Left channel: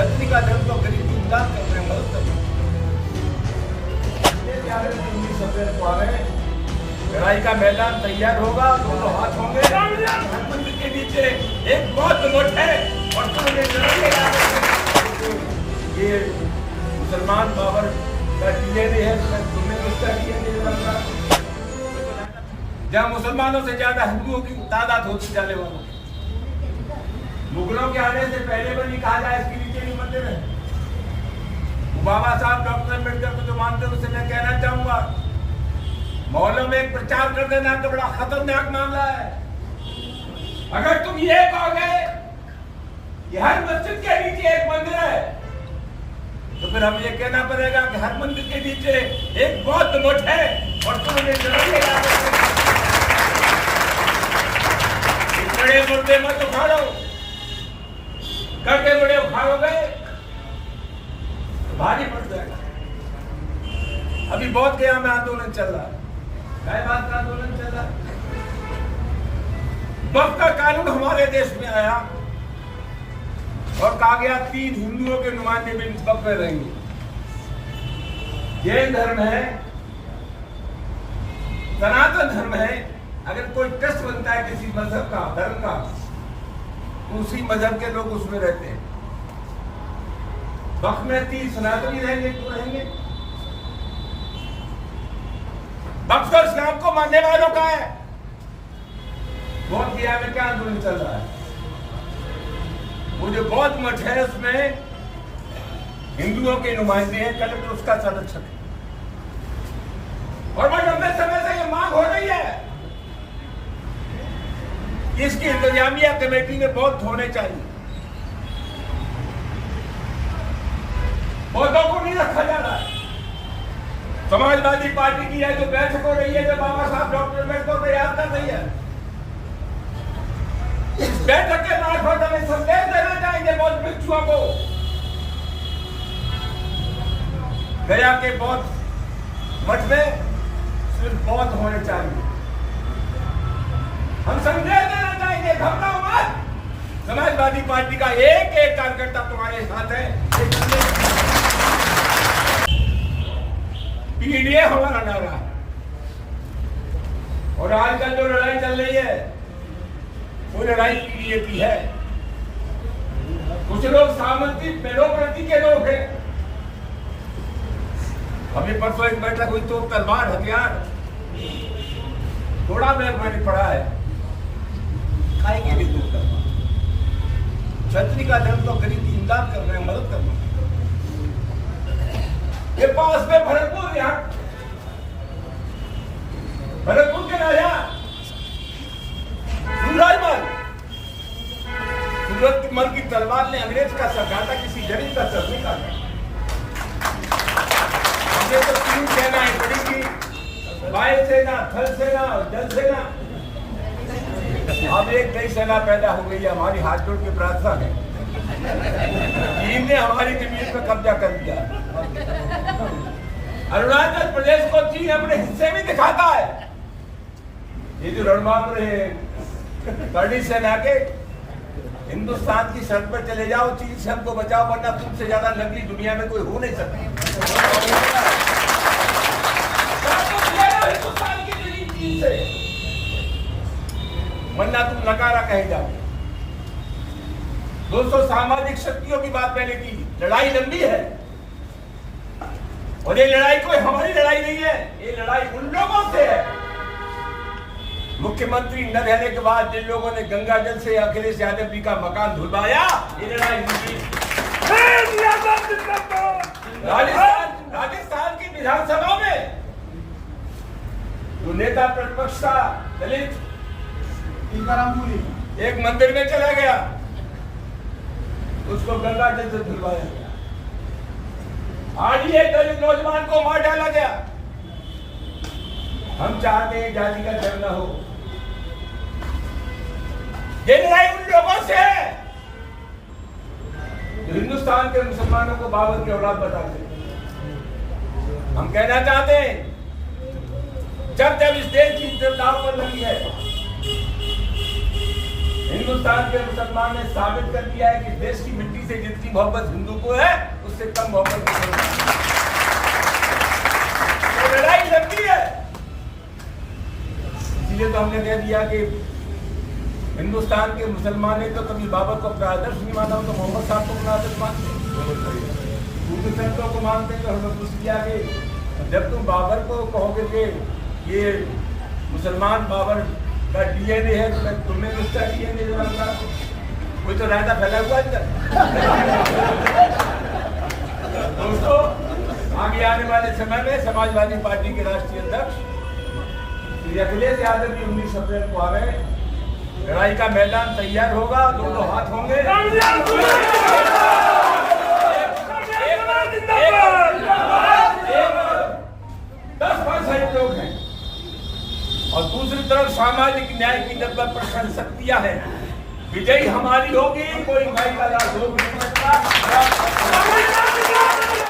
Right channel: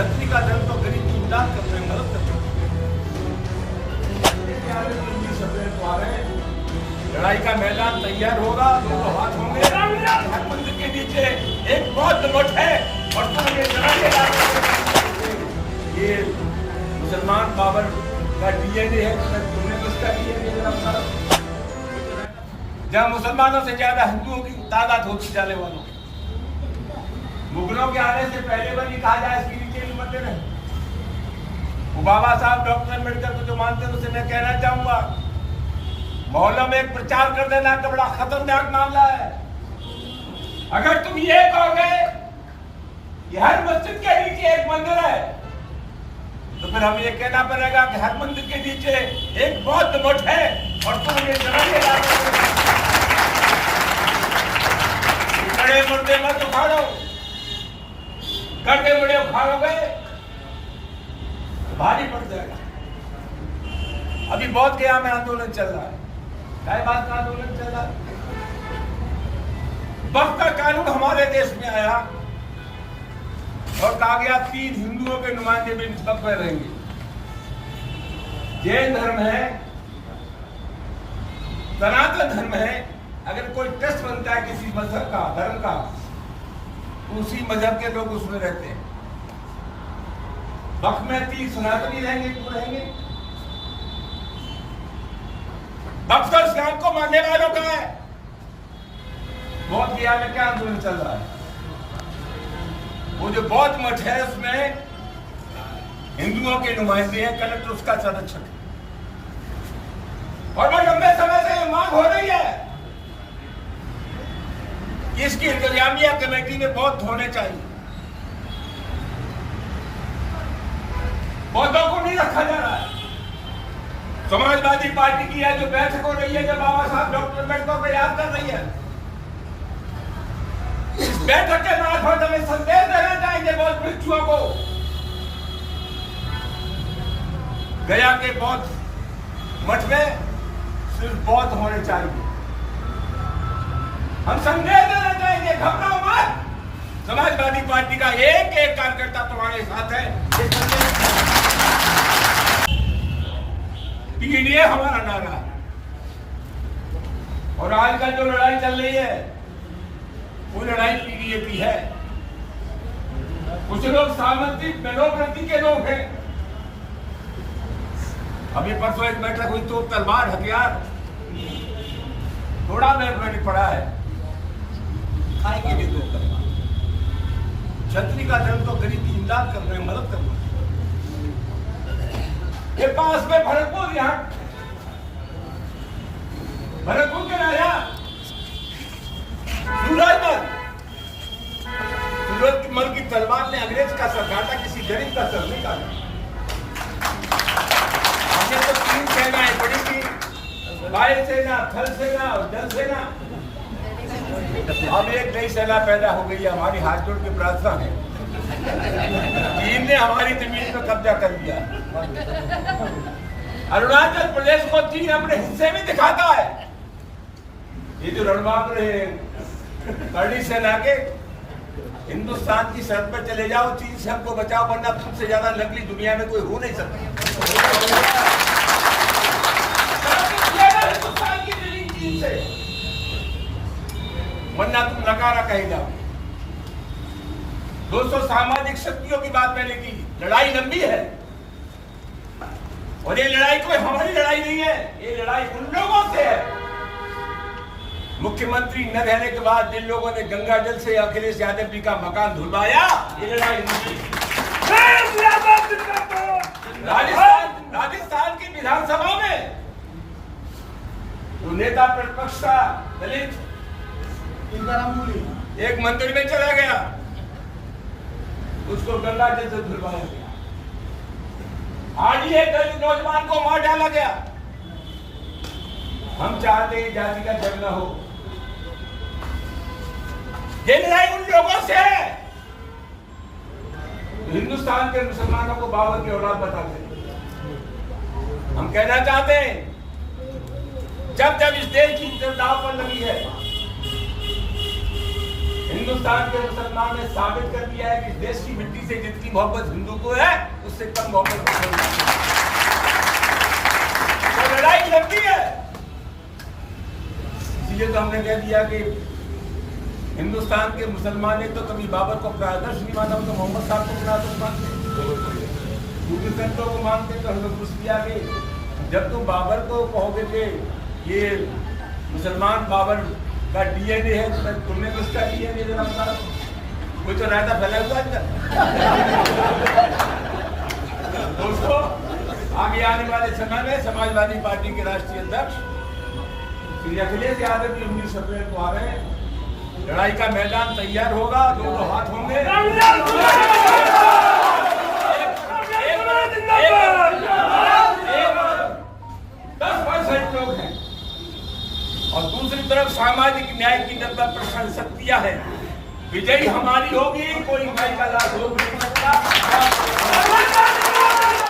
छतरी का धन तो गरीब की इमदाद कर रहे हैं, मदद कर रहे हैं। लड़ाई का मैदान तैयार होगा, दोनों हाथ होंगे, हर मंदिर के नीचे एक बौद्ध मठ है और तुमने ये मुसलमान बाबर का डीएनए है, तुमने किसका डीएनए जरा? जहाँ मुसलमानों से ज्यादा हिंदुओं की तादाद होती जाने वालों, मुगलों के आने से पहले भी कहा जाए इसके नीचे नहीं मंदिर है। वो बाबा साहब डॉक्टर अम्बेडकर को जो मानते हैं उससे मैं कहना चाहूंगा, मोहल्लों में एक प्रचार कर देना तो बड़ा खतरनाक मामला है। अगर तुम ये कहोगे कि हर मस्जिद के नीचे एक मंदिर है, तो फिर हम ये कहना पड़ेगा कि हर मंदिर के नीचे एक बौद्ध मठ है और तुमने बड़े मुर्दे मत उखाड़ो, करते बड़े उखाड़ोगे तो भारी पड़ जाएगा। अभी बहुत के यहाँ में आंदोलन चल रहा है, क्या बात का आंदोलन चल रहा है? वक्त का कानून हमारे देश में आया और कहा गया 3 हिंदुओं के नुमाइंदे भी इस वक्त में रहेंगे। जैन धर्म है, सनातन धर्म है। अगर कोई ट्रस्ट बनता है किसी मजहब का, धर्म का, तो उसी मजहब के लोग उसमें रहते हैं। वक्त में 3 सनातनी रहेंगे, क्यों रहेंगे? बक्सर इस्लाम को मानने वालों का है। बौद्ध गया में क्या आंदोलन चल रहा है? वो जो बौद्ध मठ है उसमें हिंदुओं के नुमाइंदे हैं, कलेक्टर उसका संरक्षक है। और बड़ी लंबे समय से ये मांग हो रही है कि इसकी इंतजामिया कमेटी में बौद्ध होने चाहिए। बौद्धों को नहीं रखा जा रहा है। समाजवादी पार्टी की है जो बैठक हो रही है, जो बाबा साहब डॉक्टर अम्बेडकर को याद कर रही है, इस बैठक के मार्फत हमें संदेश देना चाहिए बौद्ध भिक्षुओं को। गया के बौद्ध मठ में सिर्फ बौद्ध होने चाहिए। हम संदेश देना चाहिए, घबराओ मत। समाजवादी पार्टी का एक एक कार्यकर्ता तुम्हारे साथ है। पीडीए हमारा नारा है। और आजकल जो लड़ाई चल रही है वो लड़ाई पीडीए की है। कुछ लोग सामंती डेमोक्रेसी के लोग हैं। अभी परसों एक बैठक हुई तो तलवार हथियार थोड़ा मैथमेटिक पड़ा है, खाएंगे भी दो तलवार। छतरी का धन तो गरीब की इमदाद कर रहे हैं, मदद कर रहे हैं। ये पास में भरतपुर, यहाँ भरतपुर के राजा सूरजमल की तलवार ने अंग्रेज का सर काटा, किसी गरीब का सर नहीं काटा। हमने तो 3 सेनाएं पड़ी थी, वायु सेना, थल सेना और जल सेना। अब एक नई सेना पैदा हो गई है। हमारी हाथ जोड़ के प्रार्थना है, चीन ने हमारी जमीन पर कब्जा कर दिया। अरुणाचल प्रदेश को चीन अपने हिस्से में दिखाता है। ये जो रणबांकुर है करणी सेना के, हिंदुस्तान की सड़क पर चले जाओ, चीन से हमको बचाओ, वरना तुमसे ज्यादा नकली दुनिया में कोई हो नहीं सकता। हिंदुस्तान की जमीन चीन से, वरना तुम नकारा कहे जाओ। दोस्तों, सामाजिक शक्तियों की बात मैंने की। लड़ाई लंबी है और ये लड़ाई कोई हमारी लड़ाई नहीं है, ये लड़ाई उन लोगों से है। मुख्यमंत्री न रहने के बाद जिन लोगों ने गंगा जल से अखिलेश यादव जी का मकान धुलवाया, ये लड़ाई उनकी। राजस्थान की विधानसभा में जो नेता प्रतिपक्ष था दलित, एक मंदिर में चला गया, उसको गंगा जल से धुलवाया गया। आज ये दलित नौजवान को मार डाला गया। हम चाहते हैं जाति का झगड़ा हो। ये लड़ाई उन लोगों से है जो हिंदुस्तान के मुसलमानों को बाबर की औलाद बताते हैं। हम कहना चाहते हैं, जब जब इस देश की दाव पर लगी है, हिंदुस्तान के मुसलमान ने साबित कर दिया है कि देश की मिट्टी से जितनी मोहब्बत हिंदू को है उससे कम मोहब्बत मुसलमान को। तो लड़ाई लंबी है, इसलिए तो हमने कह दिया कि हिंदुस्तान के मुसलमान ने तो कभी बाबर को अपना आदर्श नहीं माना, तो मोहम्मद साहब को अपना आदर्श मानते, दूसरे संतों को मानते। तो हमें पूछ लिया कि जब तुम बाबर को कहोगे कि ये मुसलमान बाबर का डीएनए है, तो तुमने किसका डीएनए जरा बताओ? कोई तो रायता फैला हुआ है इधर। दोस्तों, आगे आने वाले समय में समाजवादी पार्टी के राष्ट्रीय अध्यक्ष श्री अखिलेश यादव भी 19 अप्रैल को आ रहे हैं। लड़ाई का मैदान तैयार होगा, दोनों हाथ होंगे। 10% लोग हैं और दूसरी तरफ सामाजिक न्याय की 90% शक्तियां हैं। विजयी हमारी होगी, कोई भाई का लाभ रोक नहीं सकता।